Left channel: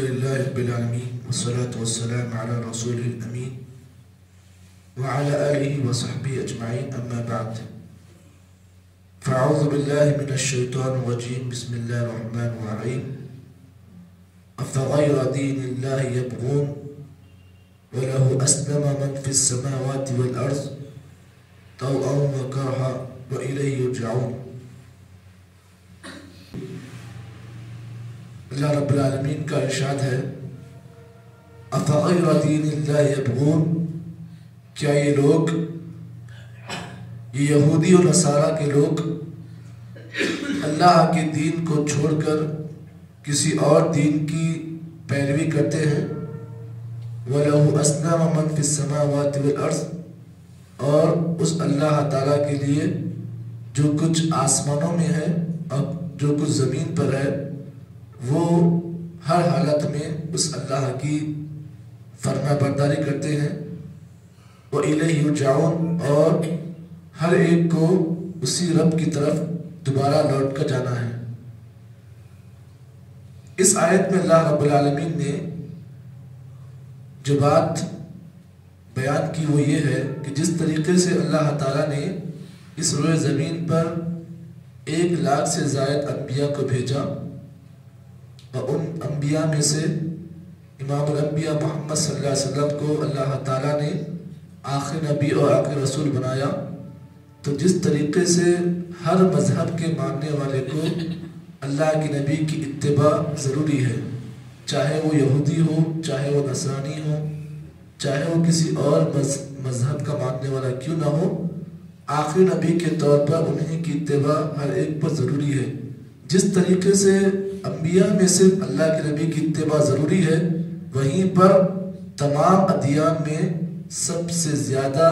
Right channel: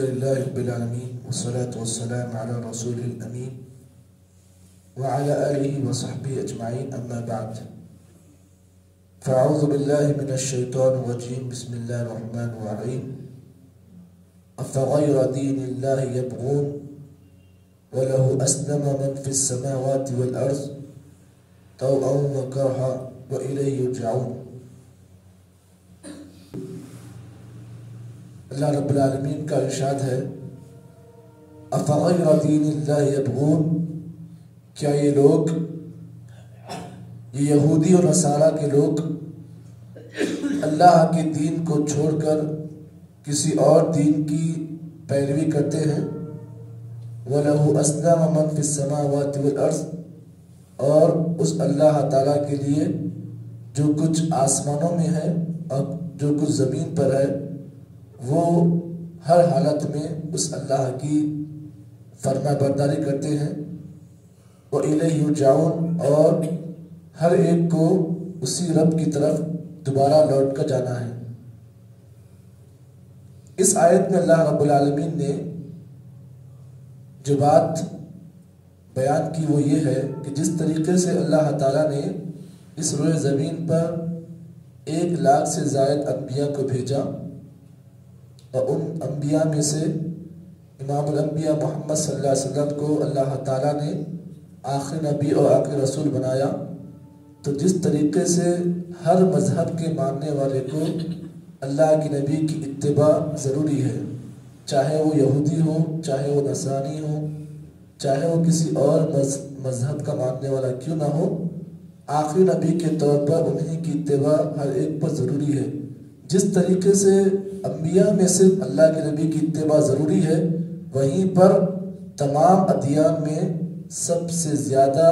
لله رب العالمين والصلاة والسلام على رسوله الأمين وعلى آله وصحبه أجمعين أما بعد فأعوذ بالله من الشيطان الرجيم بسم الله الرحمن الرحيم أفغير دين الله يبغون وله أسلم من في السماوات والأرض طوعا وكرها وإليه يرجعون۔ اللہ رب العالمین کا ارشاد ہے افغیر دین اللہ یبغون، کیا یہ لوگ، یہ یہودی اور نصارہ کے لوگ اللہ کے دین کو چھوڑ کر کسی اور دین کی پیروی کرتے ہیں؟ وَلَهُ أَسْلَمَ مَنْ فِي السَّمَاوَاتِ وَالْأَرْضِ، اور اس اللہ تعالیٰ کے لیے جو کچھ آسمانوں میں ہے اور جو کچھ زمین پر ہے، وہ ہر حالت میں اس اللہ کی فرما برداری کرتے ہیں۔ وَإِلَيْهِ يُرْجَعُونَ، اور ہر ایک کو اسی رب کی طرف دوبارہ لوٹ کر جانا ہے۔ اس آیت میں اللہ رب العالمین نے جو بات بیان کی وہ یہ ہے کہ جس طریقے سے اللہ تعالیٰ نے اس روئے زمین پر 1,00,000 سے زائد انبیاء کو بھیجا، اور ان انبیاء میں سے امام الانبیاء محمد صلی اللہ علیہ وسلم کو اللہ تعالیٰ نے آخری نبی اور آخری رسول بنایا، تو جس طریقے سے ہر مذہب کے ماننے والے کو اللہ کے نبی کی اتباع ضروری ہے، چاہے وہ یہودی ہو، چاہے وہ نصرانی ہو، چاہے وہ کسی اور مذہب کا ماننے والا کیوں نہ ہو، آخری نبی کے طور پر انہیں کی اتباع ہر ایک پر ضروری ہے۔ جس طریقے سے انبیاء میں صرف اللہ کے نبی کی اتباع ضروری ہے، وہیں پر تمام ادیان میں سب سے زیادہ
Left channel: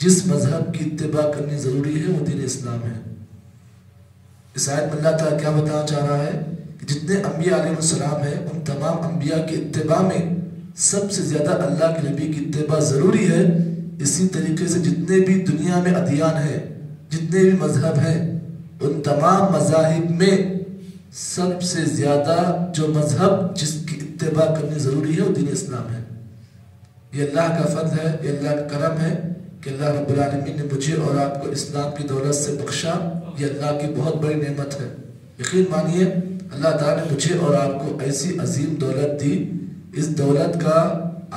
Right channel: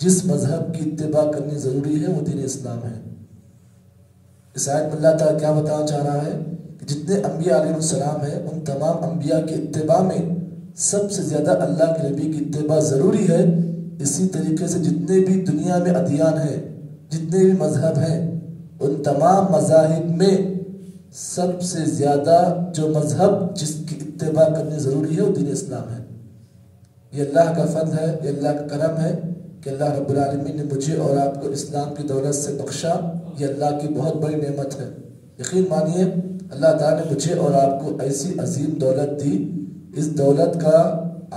جس مذہب کی اتباع کرنی ضروری ہے وہ دین اسلام ہے۔ اس آیت میں اللہ تعالیٰ کیا بتانا چاہ رہا ہے کہ جتنے انبیاء علیہ السلام ہیں ان تمام انبیاء کی اتباع میں سب سے زیادہ اللہ کے نبی کی اتباع ضروری ہے۔ اسی طریقے سے جتنے بھی دنیا میں ادیان ہیں، جتنے بھی مذہب ہیں، ان تمام مذاہب میں سب سے زیادہ جو مذہب جس کی اتباع کرنی ضروری ہے وہ دین اسلام ہے۔ یہ اللہ کا فضل ہے، یہ اللہ کا کرم ہے کہ اللہ رب العالمین نے مجھے اور آپ کو اسلام کی دولت سے بخشا۔ یہ اللہ کی بہت بڑی نعمت ہے۔ یقین مانیے اللہ تعالیٰ نے مجھے اور آپ کو ایسی عظیم دولت دی، اس دولت کا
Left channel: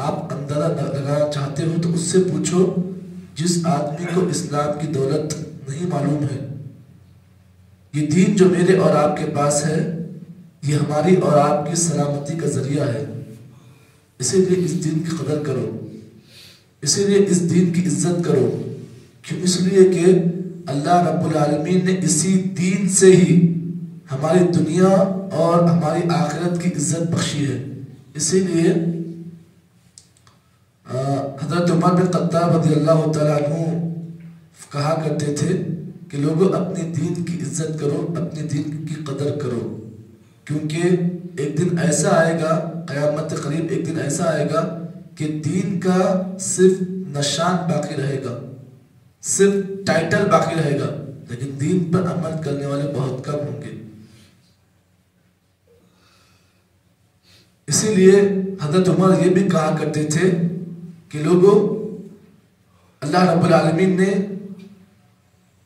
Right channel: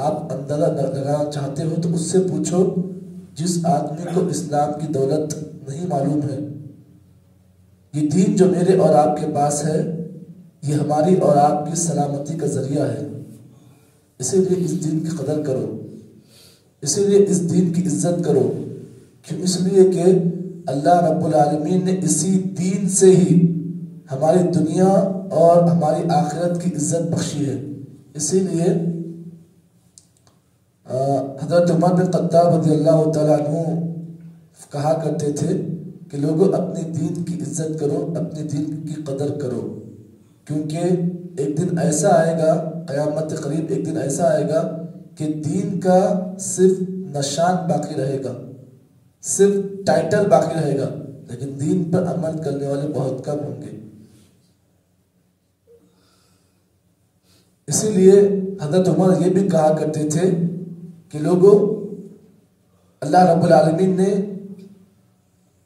آپ اندازہ لگانا چاہتے ہو تو اس سے پوچھو جس آدمی کو اسلام کی دولت نہیں معلوم ہے۔ یہ دین جو میرے اور آپ کے پاس ہے یہ ہماری اور آپ کی سلامتی کا ذریعہ ہے، اسی لیے اس دین کی قدر کرو، اسی لیے اس دین کی عزت کرو۔ کیوں؟ اس لیے کہ اللہ رب العالمین نے اسی دین سے ہی ہماری دنیا اور ہماری آخرت کی عزت بخشی ہے۔ اسی لیے حضرت عمر بن خطاب رضی اللہ تعالیٰ عنہ کہا کرتے تھے کہ لوگوں اپنی دین کی عزت کرو، اپنی دین کی قدر کرو، کیونکہ ایک دن ایسا آئے گا، قیامت قریب ایک دن ایسا آئے گا کہ دین کا صرف نشان باقی رہے گا، صرف ٹائٹل باقی رہے گا، لیکن دین پر عمل کرنے والے بہت کم ہوں گے۔ اسی لیے حضرت عمر یہ بھی کہا کرتے تھے کہ لوگوں، اللہ رب العالمین نے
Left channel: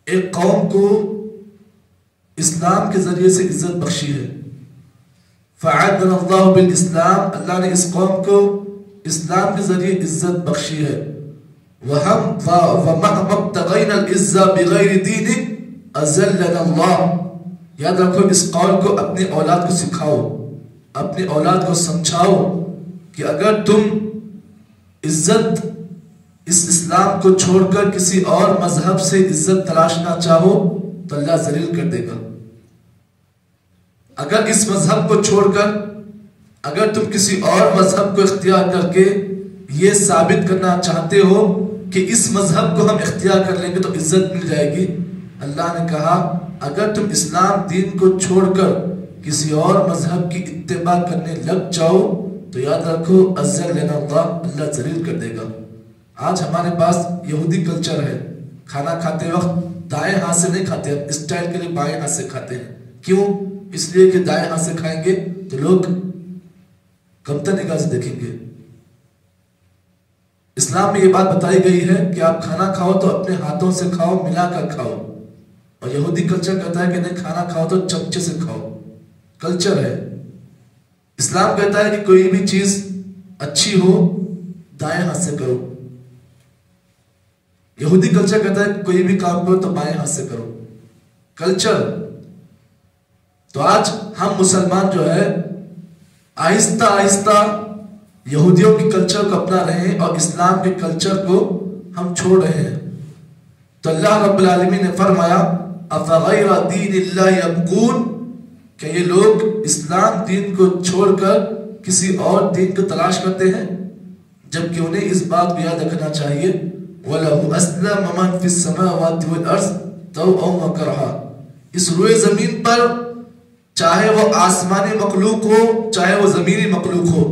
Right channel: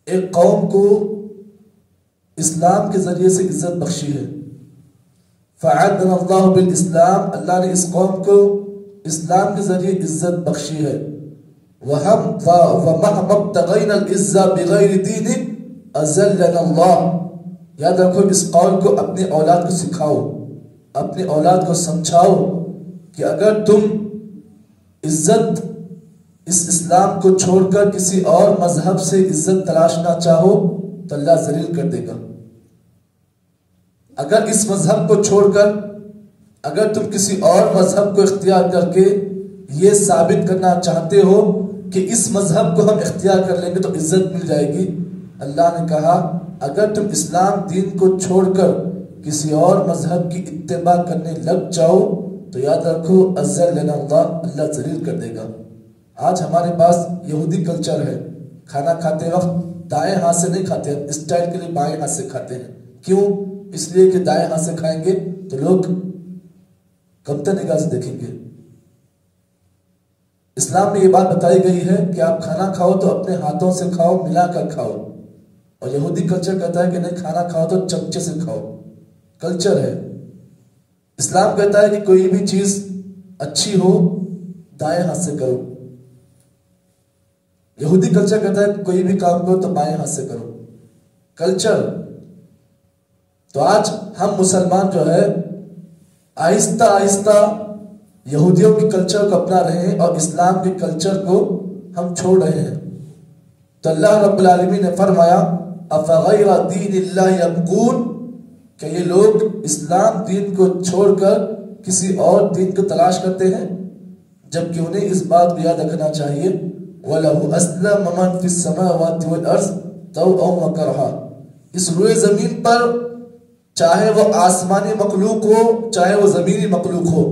ایک قوم کو اسلام کے ذریعے سے عزت بخشی ہے۔ فَعَدَّنَ اللَّهُ بِالْإِسْلام، اللہ نے اس قوم کو اسلام کے ذریعے عزت بخشی ہے۔ وَمَهْمَا ابْتَغَيْنَا الْعِزَّةَ بِغَيْرِ دِينِهِ أَذَلَّنَا اللَّهُ، یاد رکھو اس قول کو اپنی اولاد کو سکھاؤ، اپنی اولاد کو سمجھاؤ کہ اگر تم عزت اس اسلام کو چھوڑ کر کسی اور مذہب سے عزت تلاشنا چاہو تو اللہ ذلیل کر دے گا۔ اگر اس مذہب کو چھوڑ کر اگر تم کسی اور مذہب کو اختیار کر کے یہ ثابت کرنا چاہتے ہو کہ اس مذہب کو ہم اختیار کر لیں گے تو عزت مل جائے گی، اللہ نے کہا اگر تم اسلام دین کو چھوڑ کر کسی اور مذہب کی اتباع کرنے لگ جاؤ تو یاد رکھو اذلنا اللہ، اللہ ذلیل کر دے گا۔ آج ہمارے پاس یہودی کلچر ہے، کھانا کھاتے وقت دائیں ہاتھ سے نہیں کھاتے، اسٹائل کے لیے بائیں ہاتھ سے کھاتے ہیں۔ کیوں؟ اس لیے کہ دائیں ہاتھ سے کھائیں گے تو لوگ کمتر نگاہ سے دیکھیں گے۔ اسلام میں یہ بات بتائی گئی ہے کہ آپ کھانا کھاؤ تو اپنے ہاتھوں سے کھاؤ، ملا کر کھاؤ، اور یہودی کلچر کہتا ہے کہ نہیں، کھانا کھاؤ تو چمچے سے کھاؤ، کلچر ہے۔ اسلام کہتا ہے کہ کوئی بھی چیز اچھی ہو دائیں ہاتھ سے کرو، یہودی کلچر کہتا ہے کہ کوئی بھی کام کرو تو بائیں ہاتھ سے کرو، کلچر۔ تو آج ہم مسلمان جو ہے آہستہ آہستہ یہودیوں کی کلچر کو اپنا رہے ہیں اور اسلام کے کلچر کو ہم چھوڑ رہے ہیں۔ تو اللہ رب العالمین نے فرمایا افغیر دین اللہ یبغون، کہ یہ لوگ اسلام دین کو چھوڑ کر کسی اور دین کو تلاش کرتے ہیں، جبکہ انہیں اس بات کو یاد رکھنا چاہیے وَلَهُ أَسْلَمَ مَنْ فِي السَّمَاوَاتِ وَالْأَرْضِ طَوْعًا وَكَرْهًا، اس روئے زمین پر چاہے وہ آسمانی مخلوق ہو چاہے وہ زمینی مخلوق ہو،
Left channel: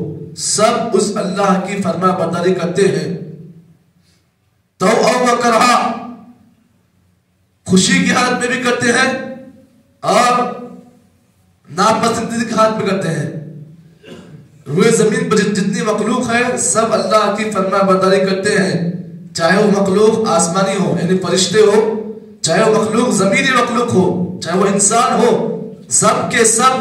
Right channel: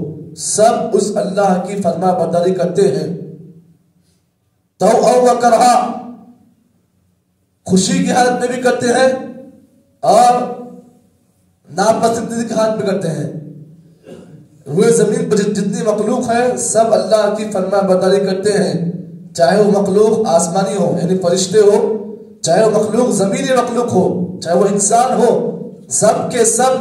سب اس اللہ کی فرما برداری کرتے ہیں، طَوْعًا وَكَرْهًا، خوشی کی حالت میں بھی کرتے ہیں اور ناپسندیدگی کی حالت میں کرتے ہیں۔ روئے زمین پر جتنی مخلوق ہے سب اللہ کی فرما برداری کرتے ہیں، چاہے وہ مخلوق آسمانی ہو یعنی فرشتے ہو، چاہے وہ مخلوق زمینی مخلوق ہو، چاہے وہ انسان ہو، سب کے سب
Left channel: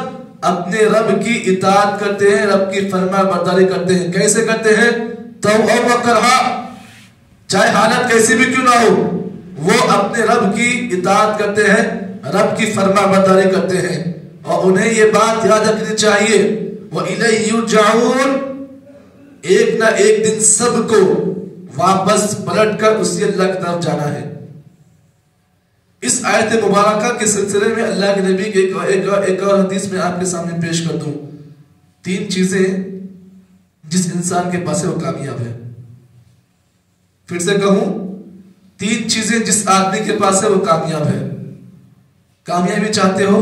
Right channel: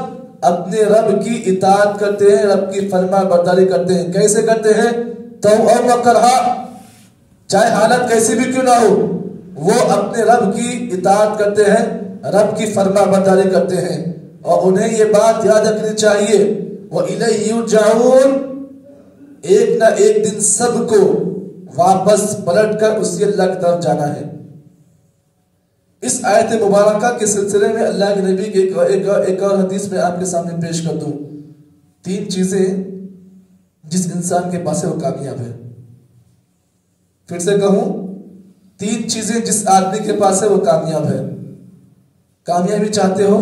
اپنے رب کی اطاعت کرتے ہیں، رب کی فرما برداری کرتے ہیں۔ کیسے کرتے ہیں؟ طوعا وکرہا، چاہے حالت کیسی بھی کیوں نہ ہو، وہ اپنے رب کی اطاعت کرتے ہیں، رب کی فرما برداری کرتے ہیں، اور انہیں یہ بات یاد رکھنی چاہیے وَإِلَيْهِ يُرْجَعُونَ، ایک نہ ایک دن سب کو واپس پلٹ کر اسی اللہ کی طرف جانا ہے۔ اس آیت مبارکہ کے سلسلے میں اللہ کے نبی کے ایک اور حدیث میں آپ کے سامنے پیش کر دوں۔ 3 چیزیں جس انسان کے پاس ہے وہ کامیاب ہے۔ پھر سے کہوں، 3 چیزیں جس آدمی کے پاس ہے وہ کامیاب ہے۔ کامیابی چاہتے ہو،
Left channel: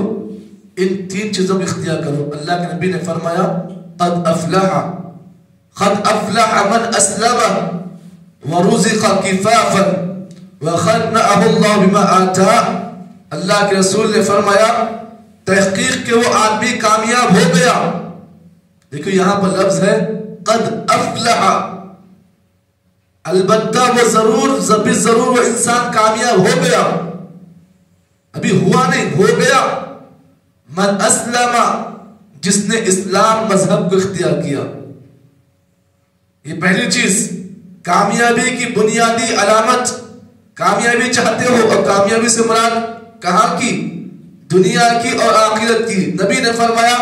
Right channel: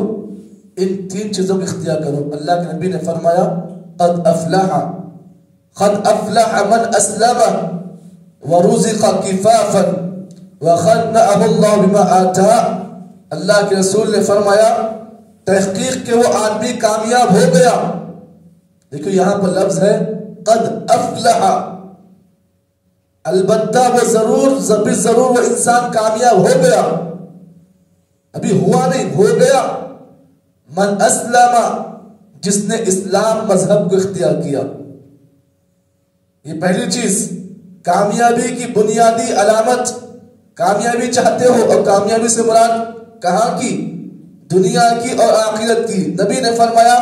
ان 3 چیزوں کو اختیار کرو۔ اللہ کے نبی نے فرمایا قد افلح من اسلم ورزق کفافا وخنعه اللہ بما آتا، اللہ کے رسول نے فرمایا تحقیق کہ وہ آدمی کامیاب ہو گیا۔ دیکھو یہاں پر لفظ ہے قد افلح، البتہ وہ ضرور وہ انسان کامیاب ہو گیا، ابھی ہوا نہیں، ہو گیا۔ من اسلم، جس نے اسلام مذہب کو اختیار کیا۔ یہ پہلی چیز، کامیابی کی بنیادی علامت۔ کامیابی چاہتے ہو، اور کامیابی سے مراد کہاں کی؟ دنیا کی اور آخرت کی۔ نبی نے فرمایا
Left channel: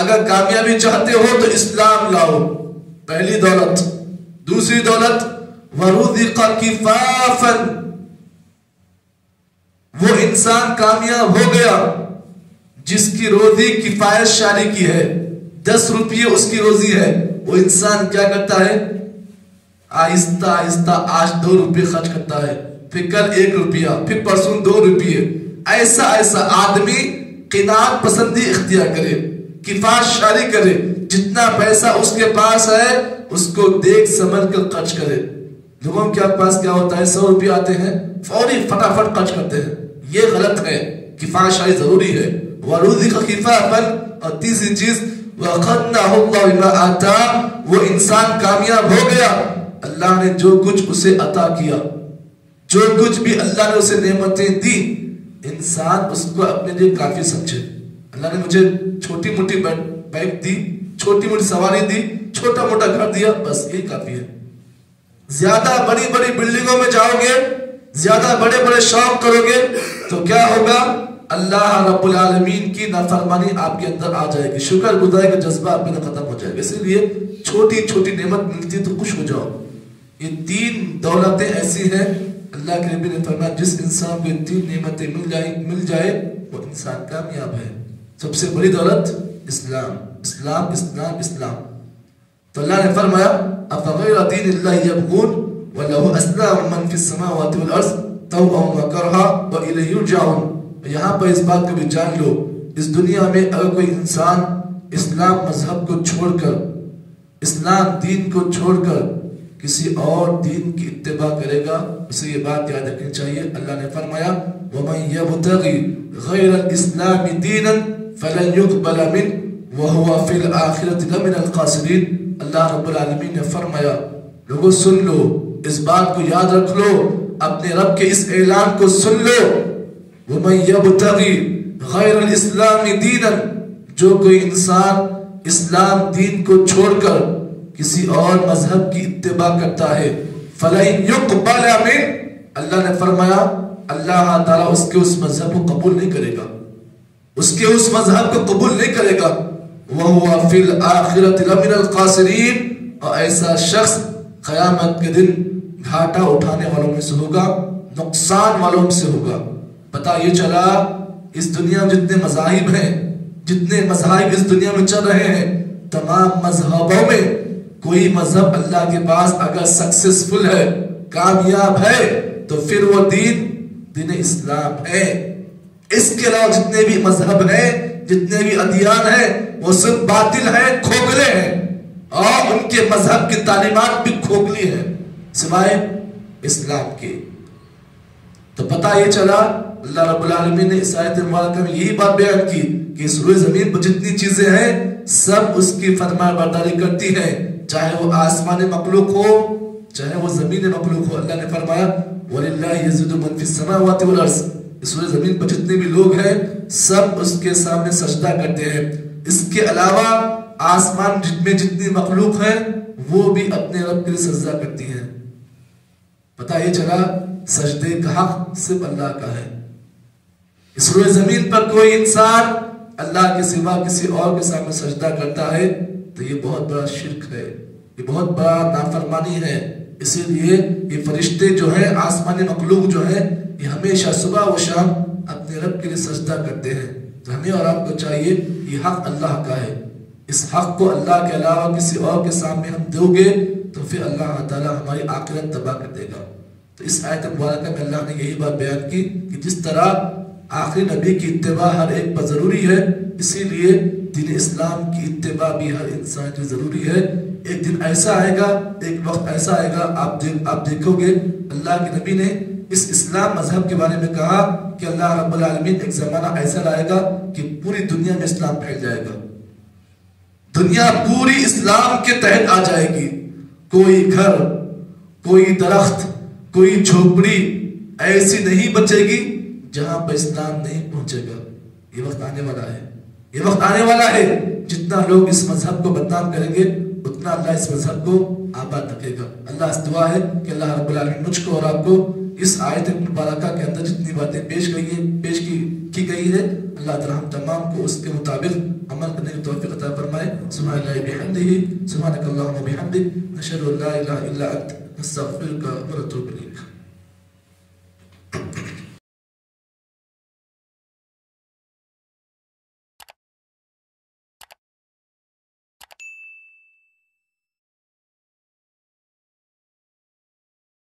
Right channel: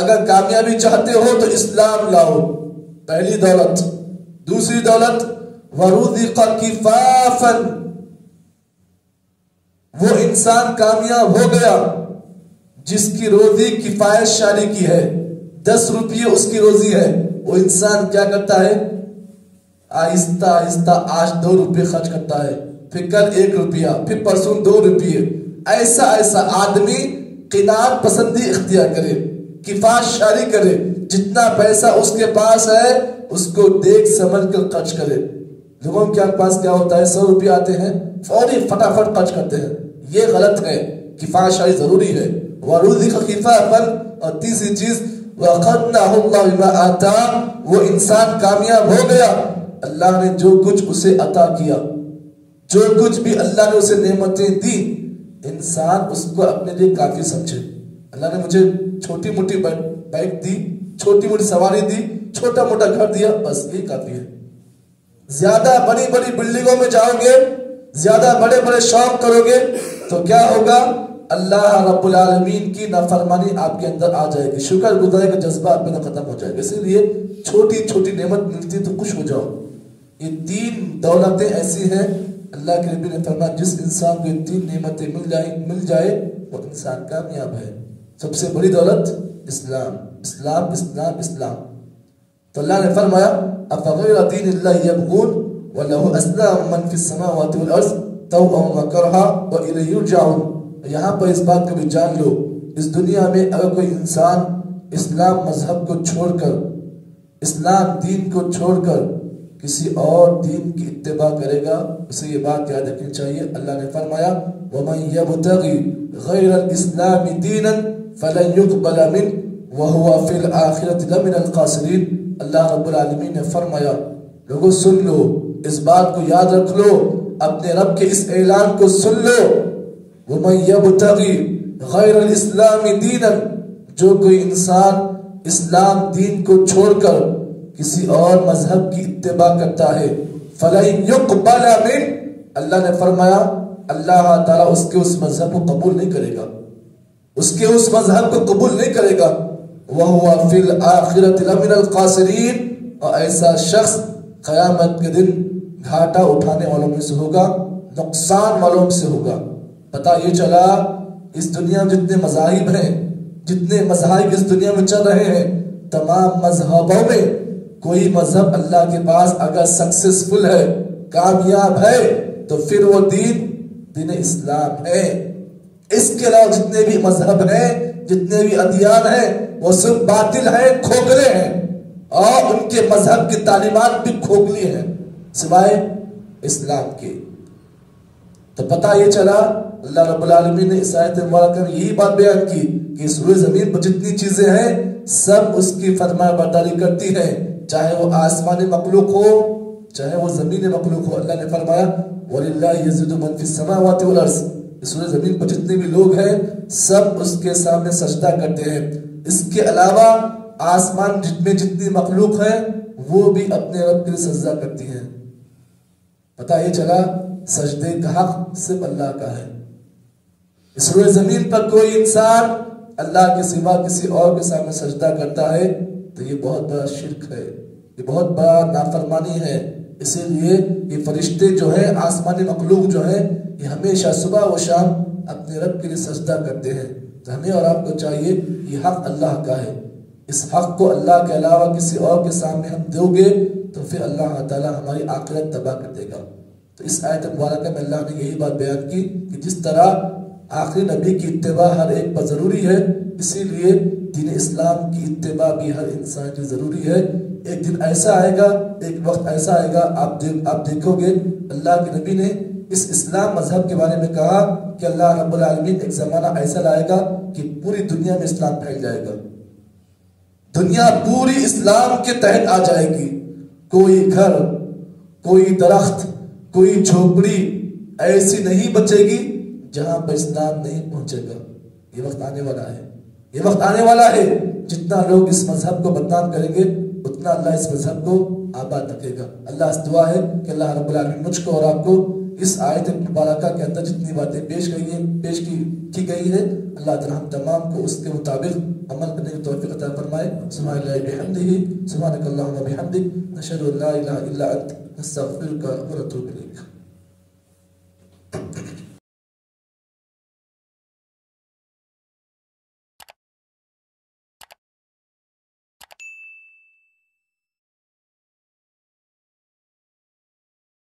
اگر کامیابی چاہتے ہو تو اسلام لاؤ، پہلی دولت۔ دوسری دولت ورزق کفافا، وہ انسان کامیاب ہو گیا جس کی روزی کفایت شاری کی ہے، 10 روپیے اس کی روزی ہے، وہ انسان کیا کرتا ہے؟ آہستہ آہستہ آج 2 روپے خرچ کرتا ہے، پھر کل 1 روپیہ، پھر پرسوں 2 روپیے۔ ایسا آدمی قناعت پسندی اختیار کرے، کفایت شاری کرے، جتنا پیسہ اس کے پاس ہے اس کو دیکھ سمجھ کر خرچ کرے۔ لوگوں کے پاس کیا ہوتا ہے، 100 روپیہ آتے ہیں فوری فٹافٹ خرچ کرتے ہیں، یہ غلط ہے۔ کفایت شاری ضروری ہے۔ وَرُزِقَ خِفَافًا، اور تیسری چیز وَقَدْنَهُ اللَّهُ بِمَا آتَا، وہ انسان کامیاب ہو گیا، اللہ نے جو کچھ اسے عطا کیا، جو کچھ بھی اللہ نے اسے نعمتیں دی، انسان اس کو اپنے لیے کافی سمجھے۔ اللہ نے مجھے چھوٹی موٹی بائک دی، چھوٹی موٹی سواری دی، چھوٹا موٹا گھر دیا، بس یہ کافی ہے۔ زیادہ بڑی بڑی بلڈنگوں میں جاؤ گے، زیادہ بڑے بڑے شوق کرو گے تو کیا ہوگا؟ اللہ رب العالمین کی نافرمانی آپ کے اندر آ جائے گی، شکر گزاری کا جذبہ آپ میں ختم ہو جائے گا۔ اسی لیے چھوٹی چھوٹی نعمت ملتی تو خوش ہو جاؤ۔ یہ 3 دولتیں ایسی ہیں، اللہ کے نبی نے فرمایا جس انسان کو یہ 3 نعمتیں مل جائے وہ انسان کامیاب ہے۔ سب سے بڑی دولت اسلام، اسلام، اسلام، اسلام۔ تو اللہ نے فرمایا افغیر دین اللہ یبغون وَلَهُ أَسْلَمَ مَنْ فِي السَّمَاوَاتِ وَالْأَرْضِ طَوْعًا وَكَرْهًا وَإِلَيْهِ يُرْجَعُونَ۔ یہاں پر اس بات کو بھی جان لو، اس دنیا میں اگر کوئی انسان اسلام مذہب کو چھوڑ کر، اسلام دین کو چھوڑ کر کسی اور دین کی اتباع کرے گا، اسے یہ بات یاد رکھنی چاہیے۔ اللہ نے فرمایا وَمَنْ يَبْتَغِ غَيْرَ الْإِسْلَامِ دِينًا فَلَنْ يُقْبَلَ مِنْهُ وَهُوَ فِي الْآخِرَةِ لَمِنَ الْخَاسِرِينَ۔ اللہ رب العالمین نے فرمایا لوگوں سن لو، اس بات کو یاد رکھ لو، اپنے رب کے اس اعلان کو سن لو، وَمَن يَبْتَغِي غَيْرَ الْإِسْلَامِ دِينًا، جو کوئی انسان اسلام دین کو چھوڑ کر کسی اور مذہب کی اتباع کرتا ہے، فَلَن يُقْبَلَ مِنْ، اللہ نے فرمایا اللہ تعالیٰ اس کے اس مذہب کو قبول نہیں کرے گا، اس کے اس مذہب کو قبول نہیں کرے گا۔ وَهُوَ فِي الْآخِرَةِ لَمِنَ الْخَاسِرِينَ، اور ایسا شخص قیامت کے دن گھاٹا اٹھانے والوں میں سے ہوگا، نقصان والوں میں سے ہوگا۔ پتہ یہ چلا اس دنیا میں جتنے مذاہب ہیں، جتنے مذاہب اس دنیا میں چل رہے ہیں، تمام مذہبوں میں کوئی مذہب اللہ کے پاس اگر سکسیسفل ہے، کامیاب ہے، تو پھر وہ دین اسلام ہے۔ اس کے علاوہ جتنے بھی مذہب ہیں، جتنے بھی ادیان ہیں، وہ صرف باطل ہیں، کھوکھلے ہیں، اور ان کے مذہب کی تعلیمات بھی کھوکھلی ہیں سوائے اسلام کے۔ تو پتہ یہ چلا اللہ رب العالمین نے اس آیت مبارکہ میں یہی بات بیان کی کہ اس روئے زمین پر جتنی چیزیں ہیں سب اس کی فرما برداری کرتی ہیں، چاہے وہ آسمان مخلوق ہو چاہے وہ زمین مخلوق ہو۔ اللہ نے فرمایا وَلِلَّهِ يَسْجُدُ مَن فِي السَّمَاوَاتِ وَالْأَرْضِ، اس روئے زمین پر جتنے بھی لوگ ہیں سب اس کے سامنے سجدہ کرتے ہیں۔ اس کے علاوہ آسمان میں جتنی مخلوق ہیں وہ بھی اپنے رب کے لیے سجدہ کرتی ہیں۔ پتہ یہ چلا سجدے کا حق صرف اللہ کا ہے۔ اس روئے زمین پر کوئی انسان اللہ کے سوا کسی اور کے سامنے سجدہ کرتا ہے تو یہ بہت بڑا شرک ہے، یہ بہت بڑا نافرمانی ہے۔ اسی لیے یہ فرشتے جو ہیں، آسمانی مخلوق جو ہیں، یہ ہمیشہ صبح و شام اپنے رب کے لیے سجدہ کرتے ہیں۔ تو ہمیں اور آپ کو چاہیے یہ حق اللہ کا ہے، اس حق کو اللہ کے علاوہ کسی اور کے سامنے ہم دو گے تو پھر اللہ تعالیٰ ہماری آخرت تباہ کر دے گا۔ تو اس آیت مبارکہ میں اللہ نے یہی بات بیان کی کہ جس طرح آخری نبی کی اتباع ہر ایک پر ضروری ہے، اسی لیے دین اسلام کی اتباع بھی ہر انسان کی ضروری ہے۔ ایک دن ایسا آئے گا، ایک وقت ایسا آئے گا، آپ دیکھو گے اللہ کے نبی نے اس اسلام مذہب کے بارے میں کہا کہ اللہ رب العالمین ایک زمانہ ایسا لائے گا کہ پوری دنیا میں اسلام پھیل جائے گا، دنیا پوری اسلام کے تحت آ جائے گی، کوئی گھر، کوئی درخت، کوئی جھوپڑی ایسی نہیں بچے گی جہاں پر اسلام نہیں پہنچے گا۔ یہ وقت آنے والا ہے، یہ وقت آنے والا ہے، جتنا لوگ اس مذہب کو بدنام کریں گے اتنا اللہ اس مذہب کو آباد رکھے گا۔ اللہ سے دعا ہے کہ اللہ رب العالمین مجھ کو اور آپ کو اس آیت مبارکہ کے اندر جتنی باتیں پیش کی گئی ہے، اللہ تعالی ہم تمام کو اس کے مطابق عمل کرنے کی توفیق عطا فرمائے۔ سبحان اللہ بحمدہ، سبحانک اللہم وبحمدک، نشہد ان لا الہ الا انت، نستغفرک ونتوب الیک۔